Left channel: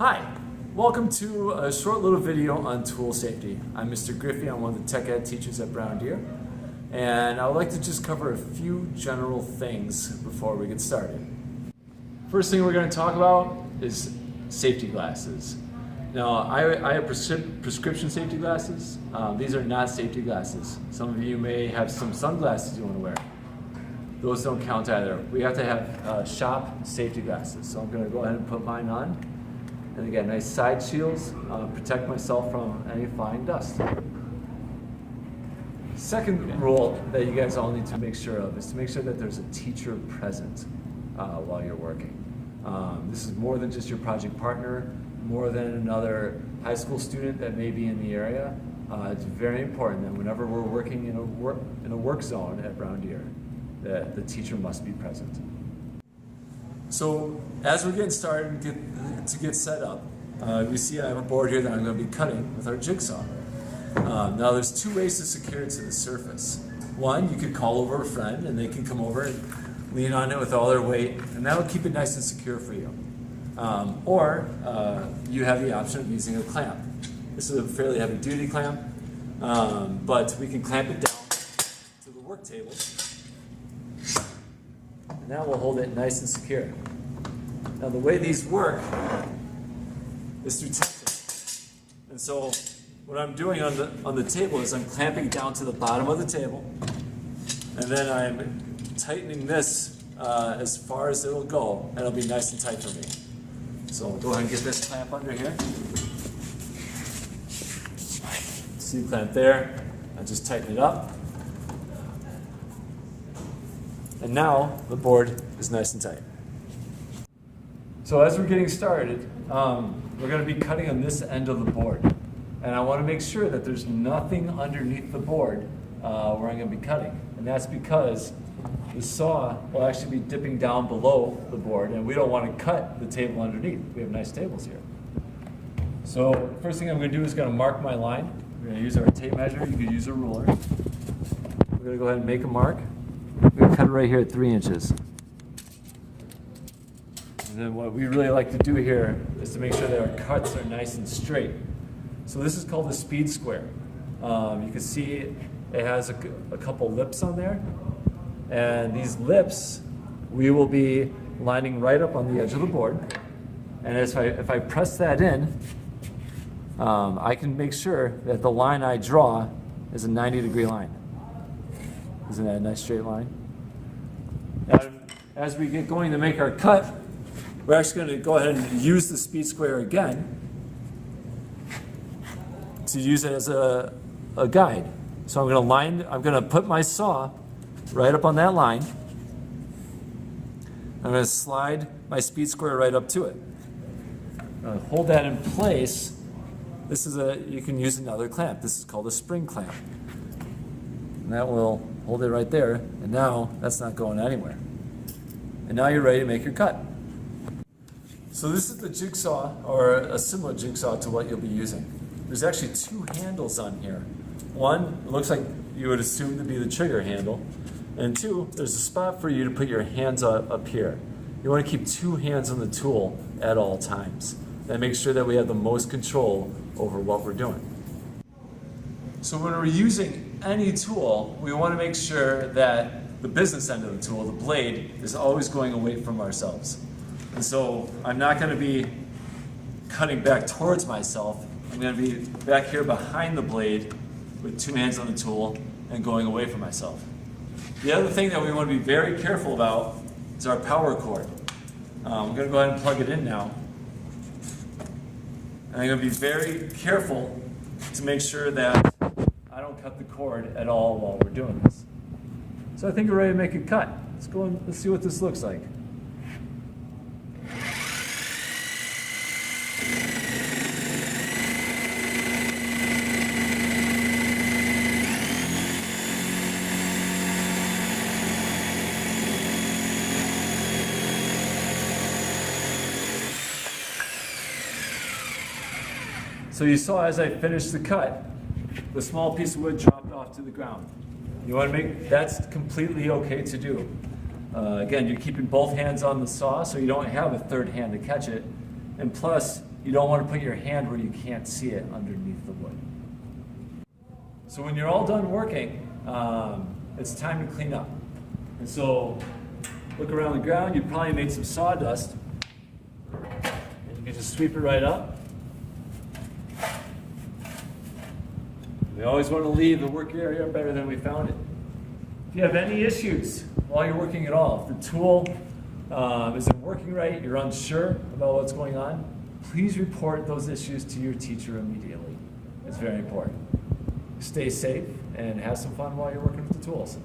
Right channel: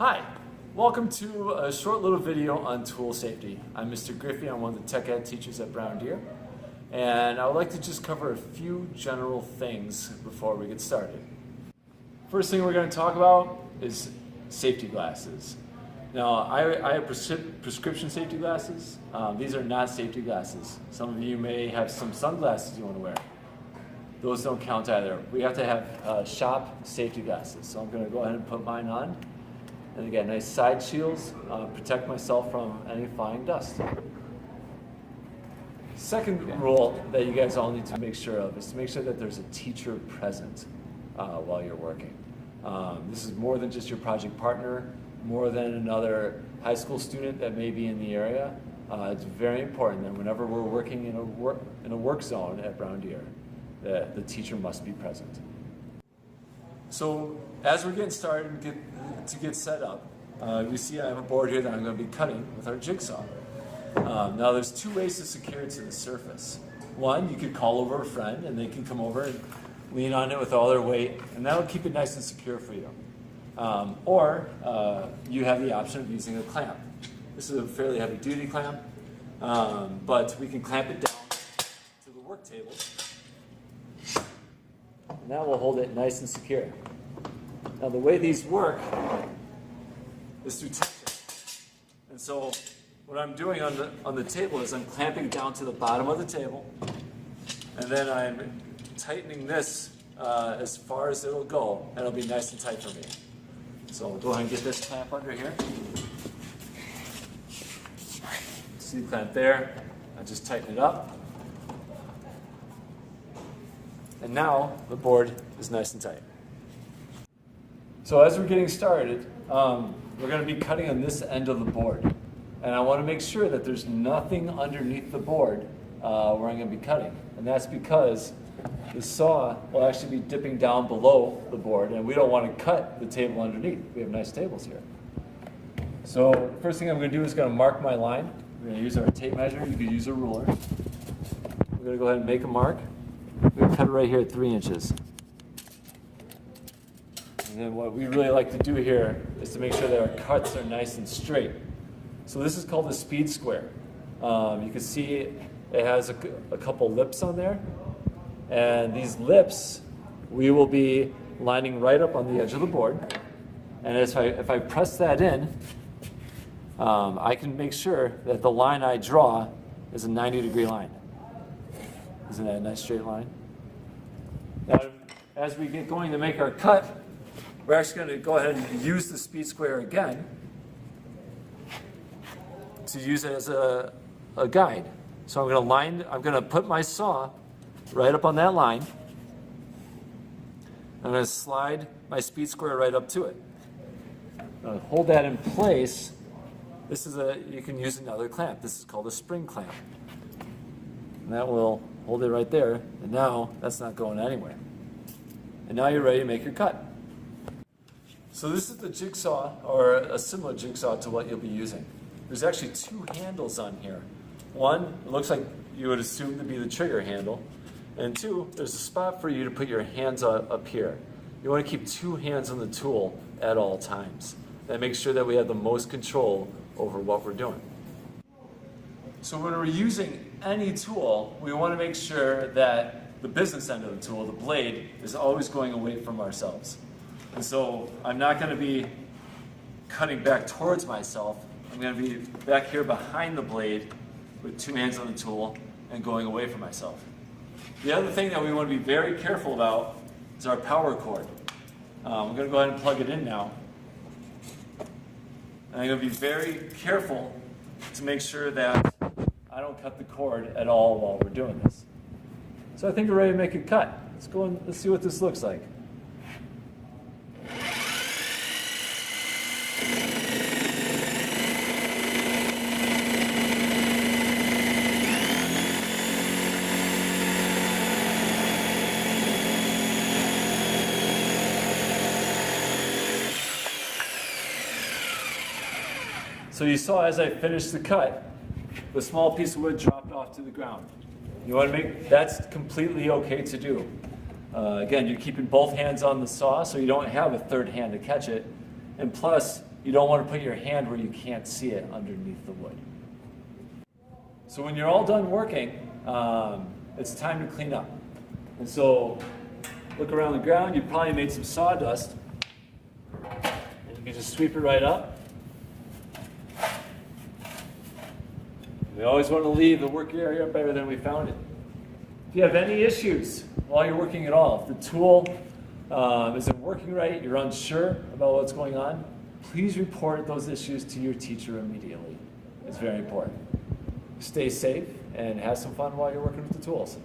Hi, welcome to a short little video on tool safety. I'm Mr. Griffey, I'm one of the tech ed teachers at Brown Deer, and I would like to just cover a few general things before we get started. First thing we're going to talk about is safety glasses. Now, I have prescription safety glasses. These are not safety glasses. Some of you may have some sunglasses you want to wear. Those don't count either. We have to have shop safety glasses. So I'm going to go ahead and put mine on. And again, nice side shields, protect myself from any flying dust. Second rule that you guys all need to make sure of is to make sure that there's a teacher present while you're working. This is more than just your project partner, more than another high school student that may be in the area. It's very important that whenever we're working in a work zone at Brown Deer, that the teacher must be present. So as we're getting started and get set up, we see I have a board here that I'm going to be cutting with our jigsaw. Now there's two ways to secure it to the surface. One, you could call over a friend and they can come over and lean on it with all their weight, and that will keep it nice and secure for you. Or you have the option of using a clamp. This is a fairly heavy duty clamp, but we can clamp it down to the work table. And that will hold it nice and secure. Now the way these work is through tension. And so what I'm doing on the table is I'm clamping down to the bottom of the table, and then I'm tightening this as far as it'll go, and it'll be nice and tight for me. So I'll go ahead and get this clamp under here. See the clamp there? I just tighten it up. And now the board is nice and tight. So as we're getting started, we're going to be cutting on this end of the board. And I want to make sure that there's nothing underneath the board where I'm going to be cutting. And that's because the saw will actually be dipping down below the board, and we don't want to cut the table underneath. We have nice tables here. So first thing I'm going to do is going to mark my line. We're going to use our tape measure. You could use a ruler. We're going to go ahead and make a mark. We're going to cut it right here at 3 inches. And then what we really like to do here is to make sure that our cuts are nice and straight. So this is called a speed square. You can see it has a couple lips on there. And these lips, we will be lining right up on the edge of the board. And if I press that in, I can make sure that the line I draw is a 90-degree line. Isn't that a nice straight line? Now, as we get going to make our cut, we're actually going to go ahead and use the speed square again to use it as a guide. So I'm going to put my saw right up on that line. I'm going to slide my speed square right up to it. Hold that in place. You can use another clamp. This is called a spring clamp. And that will hold it right there, and now that's not going anywhere. And now you're ready to make your cut. So this is the jigsaw, or a similar jigsaw to what you'll be using. There's actually two handles on here. One, it looks like you would assume to be the trigger handle, and two, there's a spot for you to put your hands up here. You want to keep two hands on the tool at all times. That makes sure that we have the most control over what we're doing. So when we're using any tool, we want to make sure that the business end of the tool, the blade, is always going away from ourselves. And so I'm not going to be cutting back towards myself. I'm going to be back here behind the blade with two hands on the tool and going away from myself. The other thing that we want to be very careful about is our power cord. I'm going to go ahead and plug it in now. And I'm going to be very careful to make sure that I don't cut the cord at all while we're doing this. So I think we're ready to make a cut. Let's go and let's see what this looks like. So you saw as I finished the cut, the small piece of wood dropped off to the ground. You want to that's completely okay to do. Again, you're keeping both hands on the saw so you don't have a third hand to catch it. And plus, You don't want to put your hand where you can't see it underneath the wood. So when you're all done working, it's time to clean up. And so look around the ground, you probably made some sawdust. And you can just sweep it right up. We always want to leave the work area better than we found it. If you have any issues while you're working at all, if the tool isn't working right, you're unsure about what's going on, please report those issues to your teacher immediately. It's very important. Stay safe and have some fun while you're working with the tools.